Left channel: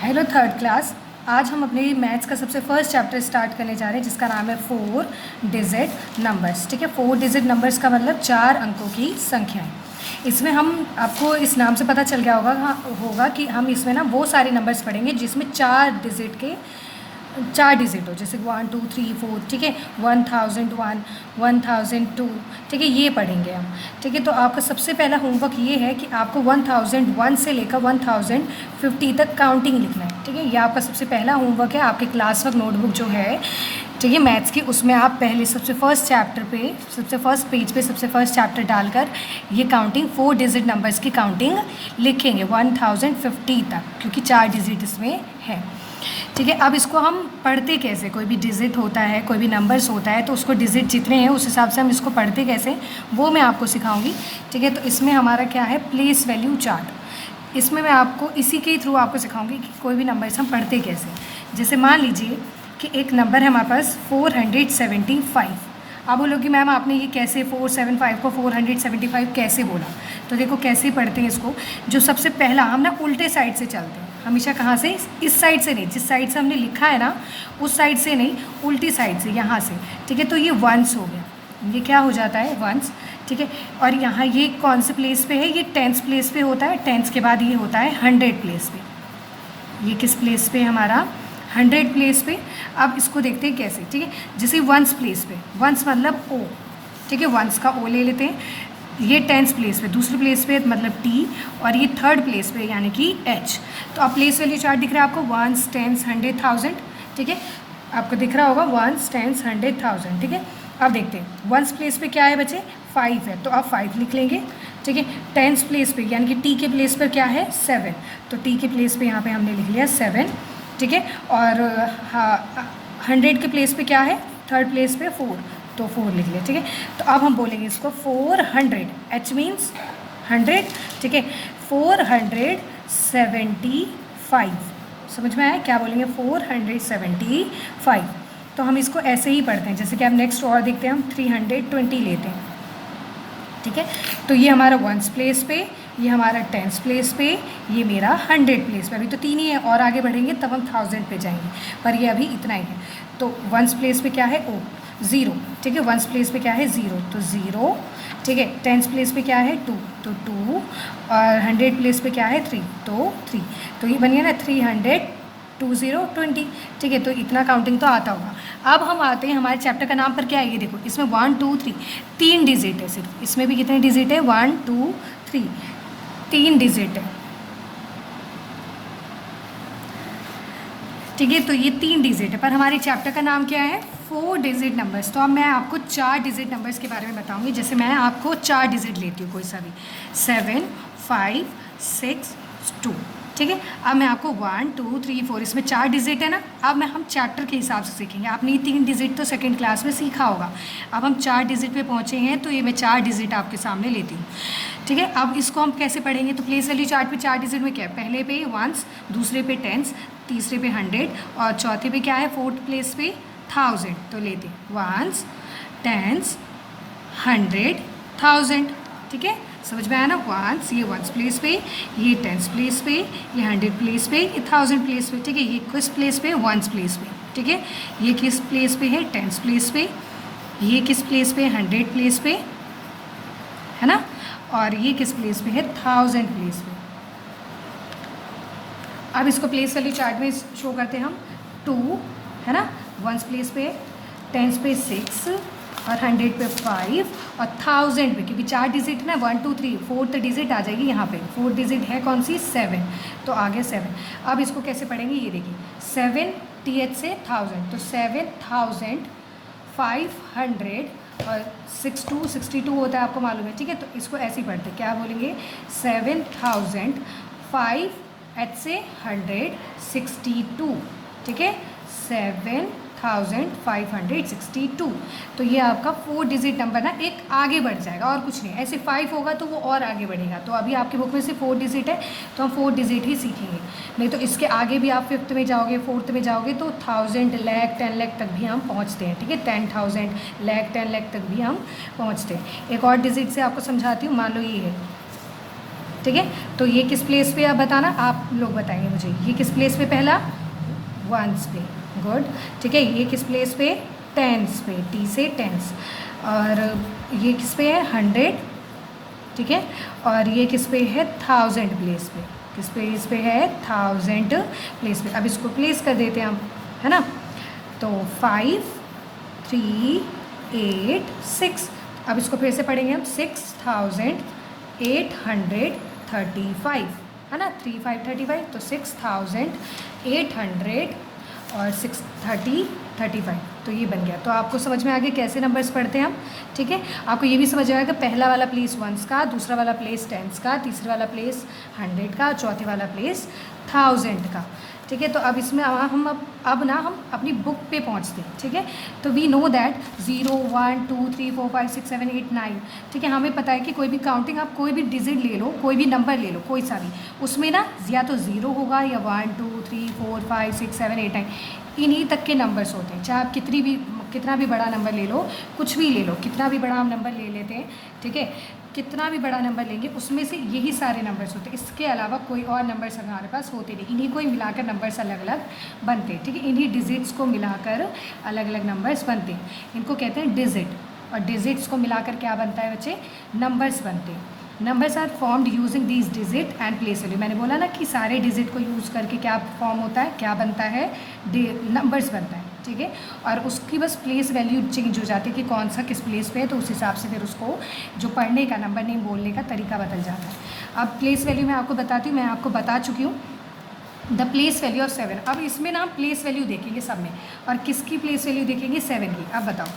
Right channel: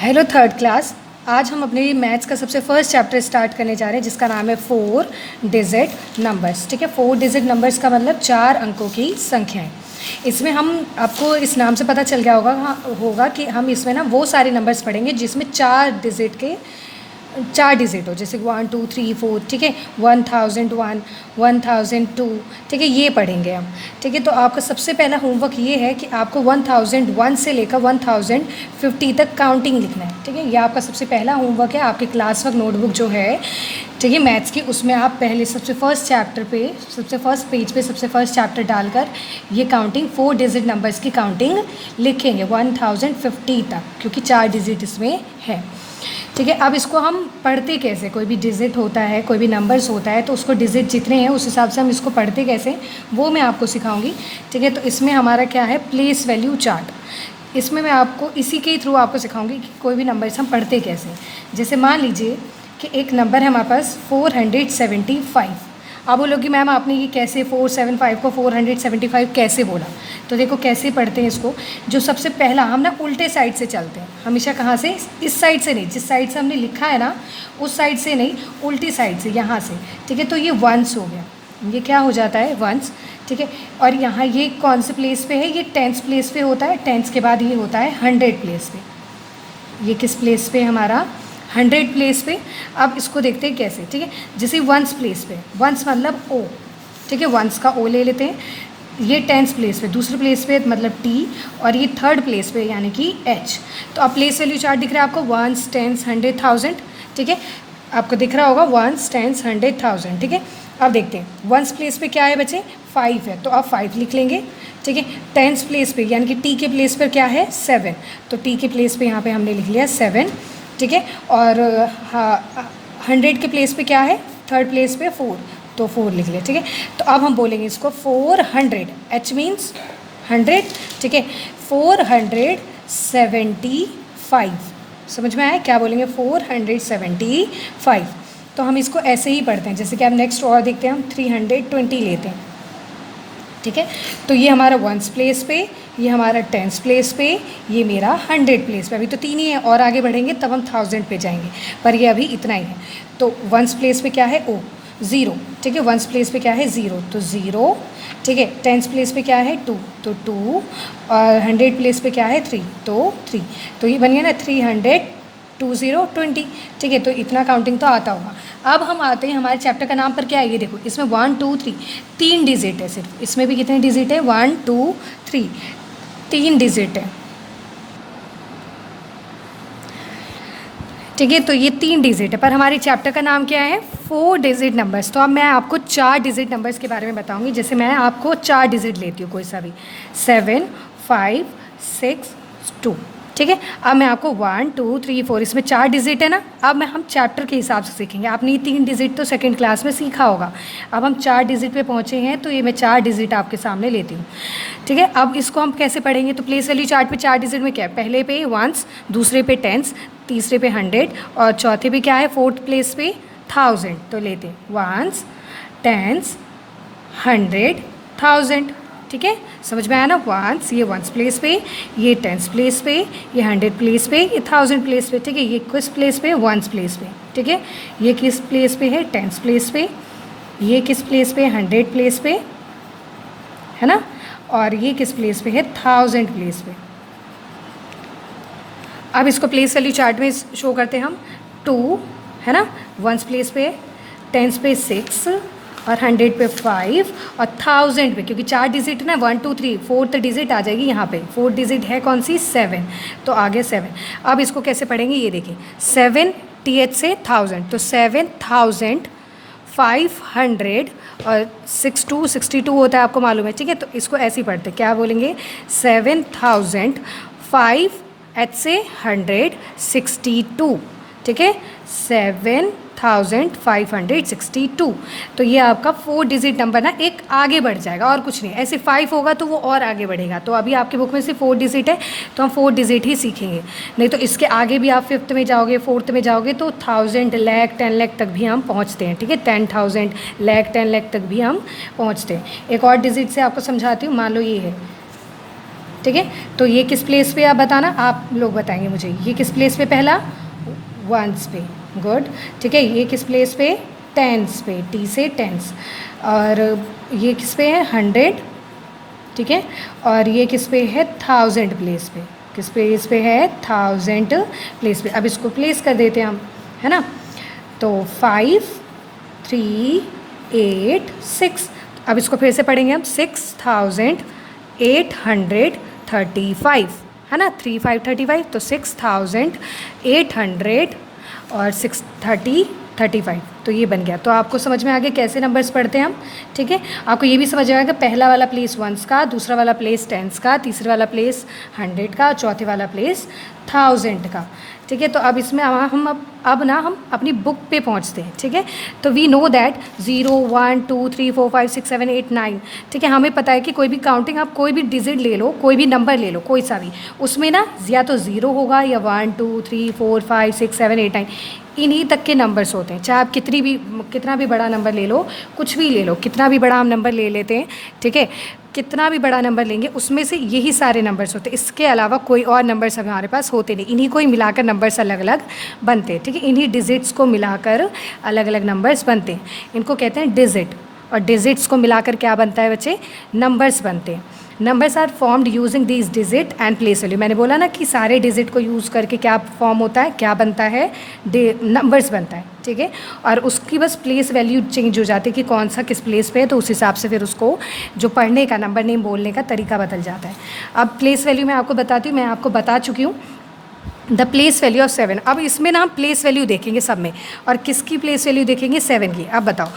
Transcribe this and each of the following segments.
Hello third class. आज हम अपने मैथ्स का सबसे फर्स्ट चैप्टर स्टार्ट करने जा रहे हैं जिसका नाम है 4 डिजिट नंबर्स। ठीक है, 4 डिजिट नंबर्स का मतलब 4 अंकों की संख्याएं। इसमें हम आपको इस नाम से पता चल गया होगा कि हम इसमें ना वो सारे नंबर्स पढ़ेंगे जिसमें 4 डिजिट हो, जैसे 1 2 3 4। ठीक है, 1001, 1002। ठीक है, ये पढ़ेंगे हम। ठीक है, तो आपका सबसे पहला होमवर्क ये है कि आपको 1001 से लेकर 1050 तक काउंटिंग लिखना है। ठीक है, ये आपका सबसे पहला होमवर्क है। आपके क्लास वर्क नोटबुक जो है, ठीक है, मैथ्स की, उसमें आप पहले सबसे फर्स्ट चैप्टर पे, सबसे फर्स्ट पेज पे सबसे फर्स्ट चैप्टर डालकर ये काउंटिंग 4 डिजिट नंबर्स की काउंटिंग लिखेंगे 1050 तक, क्योंकि 4 डिजिट इसमें है। ठीक है, अब इसको हम पढ़ते कैसे, कोई भी डिजिट होता है, कोई भी नंबर्स होता है, तो उसको डिजिट जितने हैं उस हिसाब से हम इसको पढ़ते कैसे, वो मैं आपको सिखाऊंगी। ठीक है, तो इसमें हमारा क्या है, प्लेस वैल्यू चार्ट। इसमें मैं आपको इसी के थ्रू आपको सिखाऊंगी कि कोई भी नंबर्स हम पढ़ते कैसे। जैसे मान लीजिए कि एक नंबर है हमारे पास 475। आप बोलोगे मैम आपने ये कैसे 475 को 475 कैसे बोला? तो देखो कैसे पढ़ते हैं इसको। जो सबसे पहला, हम ना उल्टे साइड से चलते हैं हमेशा। कहाँ से? इस साइड से नहीं, जिस साइड से हमने लिखा है ना उस साइड से नहीं, उल्टी साइड से, यहाँ से। ठीक है, तो ये वंस हो गया, ये क्या हो जाता है, वंस। ठीक है, और यहाँ ये कौन से प्लेस पे है, ये टेंस प्लेस पे होता है। टेंस के बाद ये होता है 100 प्लेस पे। ये किस प्लेस पे हमारा? 100 प्लेस पे। अब इसको देखते हैं कैसे। ठीक है, जैसे वंस प्लेस पे, वंस मतलब ओ। ठीक है, वंस का ओ ले लेते हैं। ये टेंस प्लेस पे, दूसरी प्लेस पे मतलब टी, और ये थर्ड प्लेस पे यानी कि एच। तो अब प्लेस वैल्यू चार्ट दिख रहा है आपको, वंस, टेंस, 100, 1000। ठीक है, आपको दिख रहा होगा वंस, टेंस, 100, 1000। ठीक है, अब देखते हैं वंस प्लेस पे क्या है बच्चे, 5 है, तो आप 5 लिख लेंगे। ठीक है, टेंस प्लेस पे यानी कि टी के प्लेस पर क्या है, 7, तो टी के प्लेस पे यहाँ पे हमने लिख लिया 7। ठीक है, और हाँ, 100 के प्लेस पे क्या है, थर्ड प्लेस पे 4, तो 4 लिख लिया। ठीक है, तो अब हम बोलेंगे इसको 400, एच मीन्स 100। ठीक है, 475, समझ में आया क्या बोलेंगे, 475। तो हम इसको ऐसे ही पढ़ते हैं। जैसे कि अब नेक्स्ट और देखते हैं, हम 320 लेते हैं। ठीक है, तो ये हमारा वंस प्लेस पे, ये हमारा टेंस प्लेस पे, ये मेरा 100 प्लेस पे। अभी तो 3 ही है, और आगे बढ़ेंगे तब हम 1000 पे जाएंगे, पर ये अभी इतना ही है। तो वंस प्लेस पे क्या है, ओ, 0। ठीक है, वंस प्लेस पे क्या है, 0, तो 0। ठीक है, टेंस प्लेस पे क्या है, 2, तो 2, और 100 प्लेस पे क्या है, 3, तो 3। तो ये बन गया ना 300, 2020। ठीक है, तो इतना काउंटिंग तो आता होगा। अब हम आते हैं, हमारे चैप्टर का नाम पर क्या है, ये देखो, इसमें 1 2 3 3 डिजिट है सिर्फ। इसमें भी कितने डिजिट है, 1 2 3, 3 डिजिट है। ठीक है, तो ये 3 डिजिट है, पर हमारे चैप्टर का नाम क्या है, 4 डिजिट नंबर्स। तो अब मैं आपको 4 डिजिट नंबर्स के बारे में बताऊंगी। जैसे मैं आपको 4 डिजिट लेती हूँ कोई सा भी, 7 5 6 2। ठीक है, अब मैं आपको 1 2 3 4, इसमें 4 डिजिट है ना। अब मैं हम चैप्टर के हिसाब से सीखेंगे। आपने 3 डिजिट तो सेकंड क्लास में सीखा होगा। अब हम 4 डिजिट पे पहुँचे हैं, तो ये मैं 4 डिजिट आपके सामने लेती हूँ। ठीक है, अब इसको हम कैसे पढ़ेंगे, तो प्लेस वैल्यू चार्ट पे 4 डिजिट में क्या है, पहले पे वंस, दूसरे पे टेंस, तीसरे पे 100, और चौथे पे क्या है, फोर्थ प्लेस पे 1000। तो लेते हैं वंस, टेंस, 100, 1000। ठीक है, समझ में आया ना। वंस, ये वंस प्लेस पे, ये टेंस प्लेस पे, ये 100 प्लेस पे, ये 1000 प्लेस पे। ठीक है, ये किस प्लेस पे, वंस प्लेस पे। ठीक है, ये किस प्लेस पे है, टेंस प्लेस पे, ये किस प्लेस पे, 100 प्लेस पे, है ना, और ये किस प्लेस पे है, 1000 प्लेस पे। अब इसको प्लेस वैल्यू चार्ट में शो करते हैं हम। 2 है ना, वंस प्लेस पे, टेंस पे 6, और 100 पे 5, और 1000 पे, क्योंकि 4 डिजिट ना, 1 2 3, फोर्थ डिजिट आ जाएगी यहाँ पे। 4th डिजिट है कौन सी, 7, तो आगे 7। अब इसको कैसे पढ़ेंगे, ये देखिए, 7 TH से 1000, तो 7500, और 62 होता है, आपको मालूम है। ठीक है, तो इसको ऐसे ही पढ़ते, क्या बोलेंगे, 7005 H से 162। ठीक है, 7562। तो ये आपका 4 डिजिट नंबर ना एक आगे बढ़ जाएगा, और कुछ नहीं। ऐसे 5 होगा तो वो और आगे बढ़ेगा। तो अभी आपकी बुक में से 4 डिजिट है, तो हम 4 डिजिट ही सीखेंगे। नहीं तो इसके आगे भी आप 5th में जाओगे, 4th में जाओगे, तो 1000, लाख, 10 लाख तक भी हम पहुँचते हैं। ठीक है, 10,000, लाख, 10 लाख तक भी हम पहुँचते हैं। एक और डिजिट से आपको समझाती हूँ। मान लो ये है ठीक है, तो ये किस प्लेस पे आप बताना, आप लोग बताएंगे मुझे, ये किस प्लेस पे, पहला वंस पे, गुड। ठीक है, ये किस प्लेस पे, टेंस पे, टी से टेंस। और ये किस पे है, 100। ठीक है, और ये किस पे है, 1000 प्लेस पे, किस प्लेस पे है, 1000 प्लेस पे। अब इसको प्लेस कर देते हैं हम, है ना। तो 5 3 8 6, अब इसको फिर से पढ़ेंगे हम, 6835, है ना, 3535, तो 6800 और 635, तो ये बन गया। तो आपको समझ में आ गया कैसे नंबर्स पढ़ते हैं हम। ठीक है, आपको ये भी समझ आएगा, पहला वाला प्लेस वंस का, दूसरा वाला प्लेस टेंस का, तीसरा वाला प्लेस 100 का, चौथे वाला प्लेस 1000 का। ठीक है, तो अब इसमें हम अब ना हम अपनी बुक पे पहुंचते हैं। ठीक है, तो वी नो दैट 0 1 2 3 4 5 6 7 8 9। ठीक है, हमें पता है कि कोई भी काउंटिंग, आप कोई भी डिजिट ले लो, कोई भी नंबर ले लो, कोई सा भी, उसमें ना या तो 0 होगा या 1 2 3 4 5 6 7 8 9, इन्हीं तक के नंबर्स होते हैं। चाहे आप कितना भी बड़ा नंबर ले लो, कुछ भी ले लो, कितना भी बड़ा हम नंबर ले लेते हैं। ठीक है, कितना भी बड़ा नंबर लेंगे उसमें से यही सारे नंबर्स होते हैं, इसके अलावा कोई और नंबर्स हमारे पास होते नहीं, इन्हीं को ही मिलाकर नंबर्स अलग अलग बनते हैं। ठीक है, इन्हीं डिजिट्स को मिलाकर अलग अलग नंबर्स बनते हैं, इनको कहते हैं डिजिट। और डिजिट्स को मिलाकर क्या बनता है बच्चे, नंबर्स बनते हैं। Numbers are formed using these digit and place value. मैंने बोला ना कि सारे डिजिट को यूज़ करके क्या फॉर्म होता है, क्या बनता है, नंबर्स बनता है। ठीक है, और उसकी बस प्लेस वैल्यू चेंज हो जाती है कि कौन सा किस प्लेस पे है, तो उस हिसाब से फिर उसको जो पढ़ने का, नंबर नेम बोलने का तरीका बदल जाता है। अब प्लेस वैल्यू मैं आपको बताती हूँ, मैं आपको बता चुकी हूँ द प्लेस वैल्यू ऑफ 7। अब इसमें ना हम प्लेस वैल्यू देखेंगे सब में, और किसकी प्लेस वैल्यू देखेंगे, 7 की। अब बताओ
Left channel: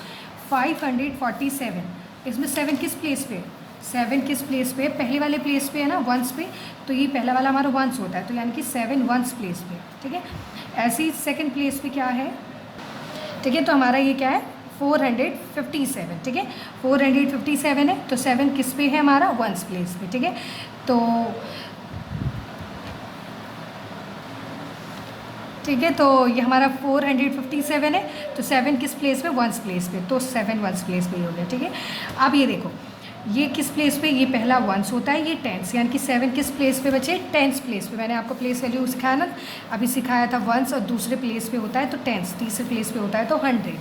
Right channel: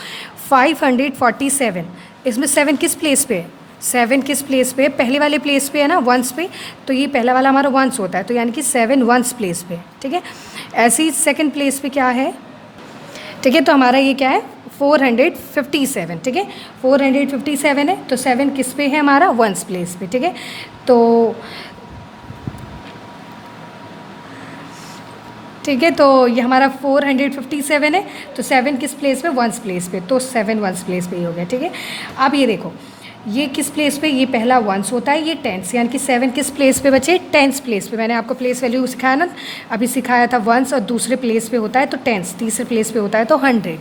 547, इसमें 7 किस प्लेस पे है, 7 किस प्लेस पे है, पहले वाले प्लेस पे है ना, वंस पे, तो ये पहला वाला हमारा वंस होता है, तो यानी कि 7 वंस प्लेस पे। ठीक है, ऐसे ही सेकंड प्लेस पे क्या है, ठीक है, तो हमारा ये क्या है, 457। ठीक है, 457 है, तो 7 किस पे है हमारा, वंस प्लेस पे। ठीक है, तो ठीक है, तो ये हमारा 457 है, तो 7 किस प्लेस पे, वंस प्लेस पे, तो 7 वंस प्लेस पे ही हो गया। ठीक है, अब ये देखो, ये किस प्लेस पे, ये पहला वंस होता है, ये टेंस, यानी कि 7 किस प्लेस पे बचे, टेंस प्लेस पे। मैंने आपको प्लेस वैल्यू सिखाया ना, अभी सिखाया था वंस, और दूसरे प्लेस पे होता है तो टेंस, तीसरे प्लेस पे होता है तो 100,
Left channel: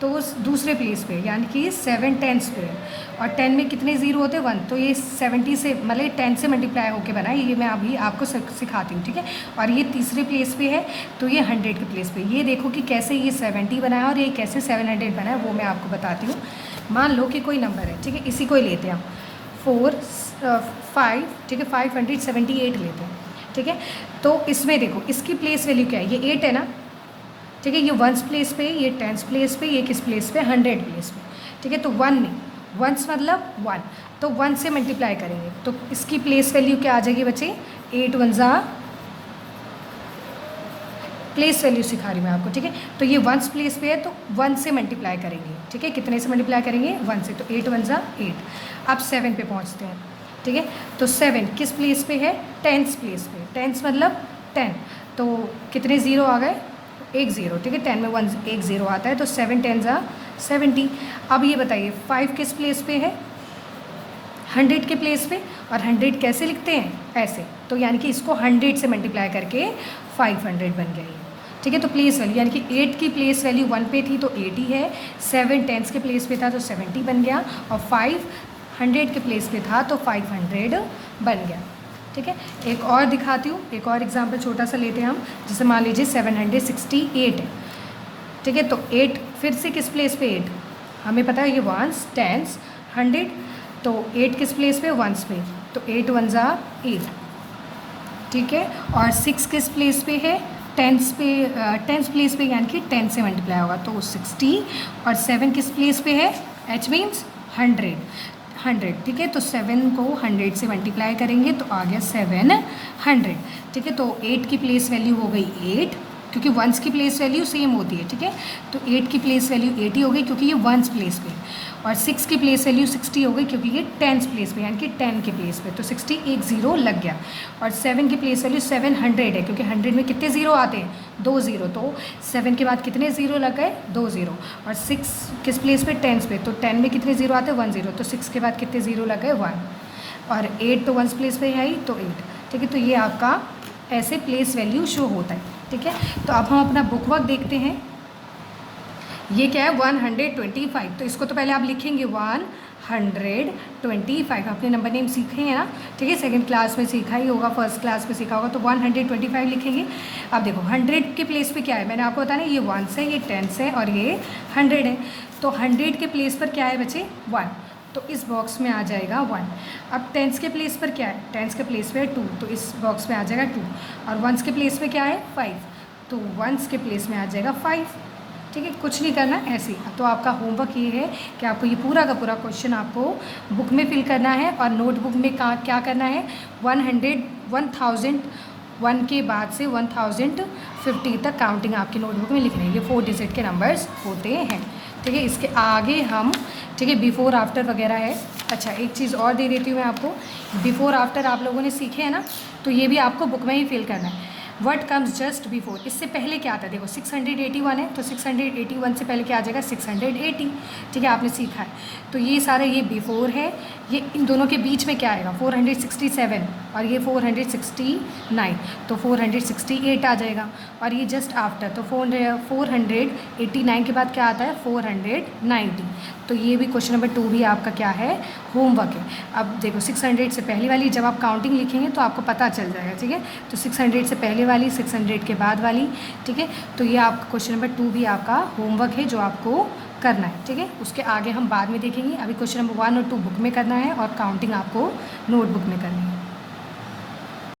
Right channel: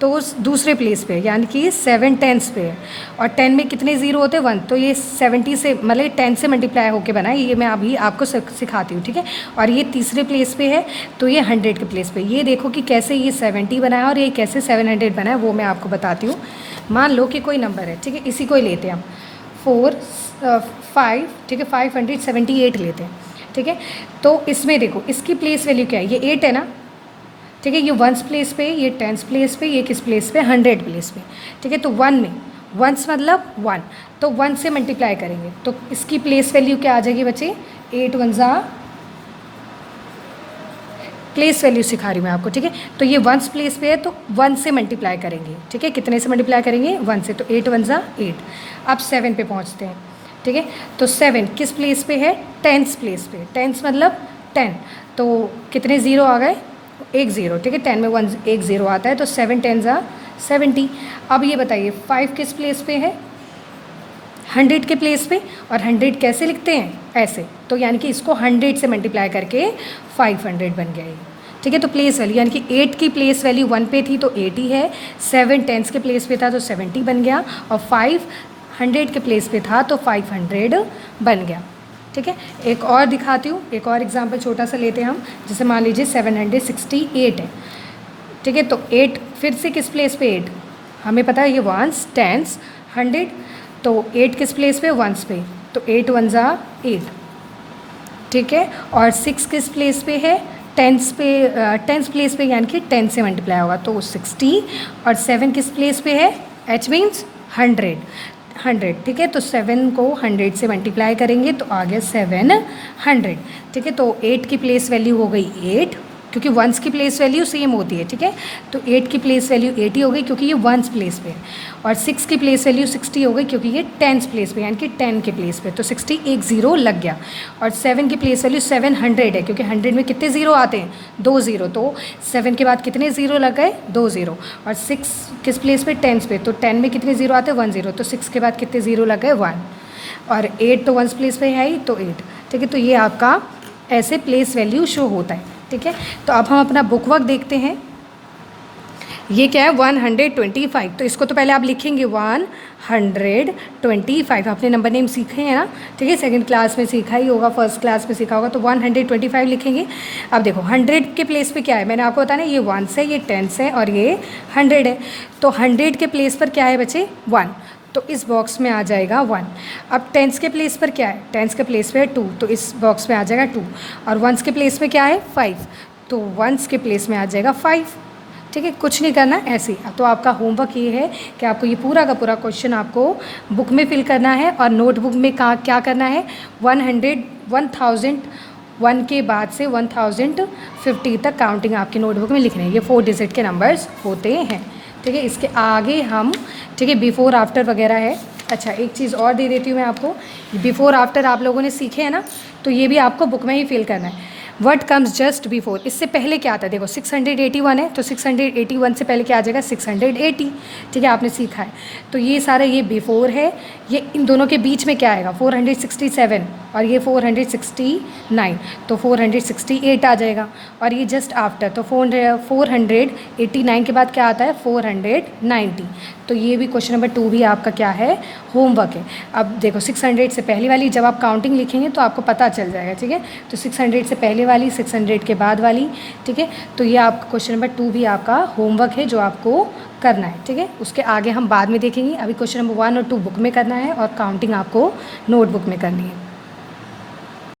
तो उस दूसरे प्लेस पे, यानी कि 7 टेंस पे है। और 10 में कितने ज़ीरो होते हैं, 1, तो ये 70 से, मतलब 10 से मल्टीप्लाई होकर बना है, ये मैं अभी आपको सिखाती हूँ। ठीक है, और ये तीसरे प्लेस पे है, तो ये 100 के प्लेस पे। ये देखो कि कैसे ये 70 बना है और ये कैसे 700 बना है, वो मैं आपको बताती हूँ। मान लो कि कोई नंबर है, ठीक है, इसी को ही लेते हैं हम, 5, ठीक है, 578 लेते हैं। ठीक है, तो इसमें देखो इसकी प्लेस वैल्यू क्या है, ये 8 है ना। ठीक है, ये वंस प्लेस पे, ये टेंस प्लेस पे, ये किस प्लेस पे, 100 प्लेस पे। ठीक है, तो 1 में, वंस मतलब 1, तो 1 से मल्टीप्लाई करेंगे तो इसकी प्लेस वैल्यू क्या आ जाएगी बच्चे, 8 1 जा, प्लेस वैल्यू सिखा रही हूँ मैं आपको। ठीक है, तो ये वंस प्लेस पे है, तो 1 से मल्टीप्लाई करेंगे। ठीक है, कितने से मल्टीप्लाई करेंगे, 1 से, तो 8 1 जा 8। अब 7 पे पहुँचते हैं। ठीक है, तो 7 किस प्लेस पे है, टेंस प्लेस पे। टेंस मतलब 10, तो कितने ज़ीरो आ गए, 1 ज़ीरो। ठीक है, 10 में 1 ज़ीरो आता है, तो 7 10 जा 70। अब ये बताइए 5 किस प्लेस पे है, 100 के प्लेस पे। और 100 कैसे लिखते हैं, ऐसे, तो यानी कि इसको 100 से मल्टीप्लाई करके 500 बन गया ये। ठीक है, तो प्लेस वैल्यू यानी कि 8 की प्लेस वैल्यू 1 पे थी तो 80 है, 7 टेंस के प्लेस पे था तो 70 बन गया, और 5 100 के प्लेस पे था तो 500 बन गया। ठीक है, एक और दिखाती हूँ, एक और एग्जांपल छोटा सा लेते हैं हम, जैसे मान लीजिए 768 है। ठीक है, तो 8 फिर से किस प्लेस पे, 8 हमें पता है ये वंस टेंस 100, तो 8 किस प्लेस पे, वंस पे, तो 8 1 जा 8। ठीक है, और 6 किस प्लेस पे है, टेंस पे, टेंस प्लेस पे, यानी कि 10 से मल्टीप्लाई होगा तो 60। और 7 किस प्लेस पे है, एच मीन्स 100। ठीक है, तो 7 को 100 से मल्टीप्लाई करेंगे तो आ गया 700। ठीक है, तो 8 की प्लेस वैल्यू हो गई 8, क्योंकि वंस की प्लेस वैल्यू सेम होती है। ठीक है, तो 8 की प्लेस वैल्यू 80 हो गई क्योंकि ये वंस प्लेस पे है, और 6 की प्लेस वैल्यू 60 हो गई क्योंकि ये टेंस प्लेस पे, यानी कि 10 के प्लेस पे, तो 60 1 ज़ीरो लग गया। और 7 की प्लेस वैल्यू 700 है, क्योंकि 100 में कितने ज़ीरो आते हैं, 2 ज़ीरो, तो 7 के बाद कितने ज़ीरो लग गए, 2 ज़ीरो। और 6 किस प्लेस पे, टेंस पे, तो 10 में कितने ज़ीरो आते हैं, 1 ज़ीरो, तो 6 के बाद कितने ज़ीरो लग गए, 1। और 8 तो वंस प्लेस पे है ही, तो 8, ठीक है। तो ये आपका ऐसे प्लेस वैल्यू शो होता है, ठीक है। तो अब हम अपना बुक वर्क देखते हैं। ये क्या है 125, तो इसको तो पहले आप लिखेंगे 125, आपने नंबर नेम सीखे हैं ना, ठीक है, सेकंड क्लास में सीखा ही होगा, फर्स्ट क्लास में सीखा होगा, तो 125 लिखेंगे। अब देखो 100 के प्लेस पे क्या है, मैंने आपको बताया ना, ये 1 है, ये 10 है और ये 100 है। तो 100 के प्लेस पर क्या है बच्चे 1, तो इस बॉक्स में आ जाएगा 1। अब 10 के प्लेस पर क्या है, 10 के प्लेस पे है 2, तो इस बॉक्स में आ जाएगा 2। और 1 के प्लेस पे क्या है 5, तो 1 के प्लेस में आ जाएगा 5, ठीक है। कुछ नहीं करना ऐसे ही। तो आपका होमवर्क ये है कि आपको ये पूरा का पूरा क्वेश्चन आपको बुक में फिल करना है और नोटबुक में क्या करना है 1001 के बाद से 1050 तक काउंटिंग आपकी नोटबुक में लिखनी है। ये 4 डिजिट के नंबर्स होते हैं, ठीक है। इसके आगे हम, ठीक है, बिफ़ोर आफ्टर वगैरह है। अच्छा, एक चीज़ और दे देती हूँ मैं आपको, बिफ़ोर आफ्टर आप लोगों ने सीखे हैं ना, तो ये भी आपको बुक में ही फिल करना है। व्हाट कम्स जस्ट बिफोर, इससे पहले क्या आता है, देखो 681 है, तो 681 से पहले क्या आ जाएगा 680, ठीक है, आपने सीखा है। तो ये सारा ये बिफोर है, ये इन दोनों के बीच में क्या आएगा 467 और ये 469, तो 468 आ जाएगा। और ये जस्ट आफ्टर, तो 489 के बाद क्या आता है 490। तो ये भी क्वेश्चन नंबर 2 भी आपका क्या है होमवर्क है। अब देखो 600 से पहले वाली जब आप काउंटिंग लिखेंगे तो आपको पता चल जाएगा, ठीक है। तो 600 से पहले वाली, 600 के बाद वाली, ठीक है। तो ये आप क्वेश्चन नंबर 2 भी आपका होमवर्क है जो आपको करना है, ठीक है। उसके आगे हम बाद में देखेंगे, अभी क्वेश्चन नंबर 1 और 2 बुक में करना है और काउंटिंग आपको नोटबुक में करनी है।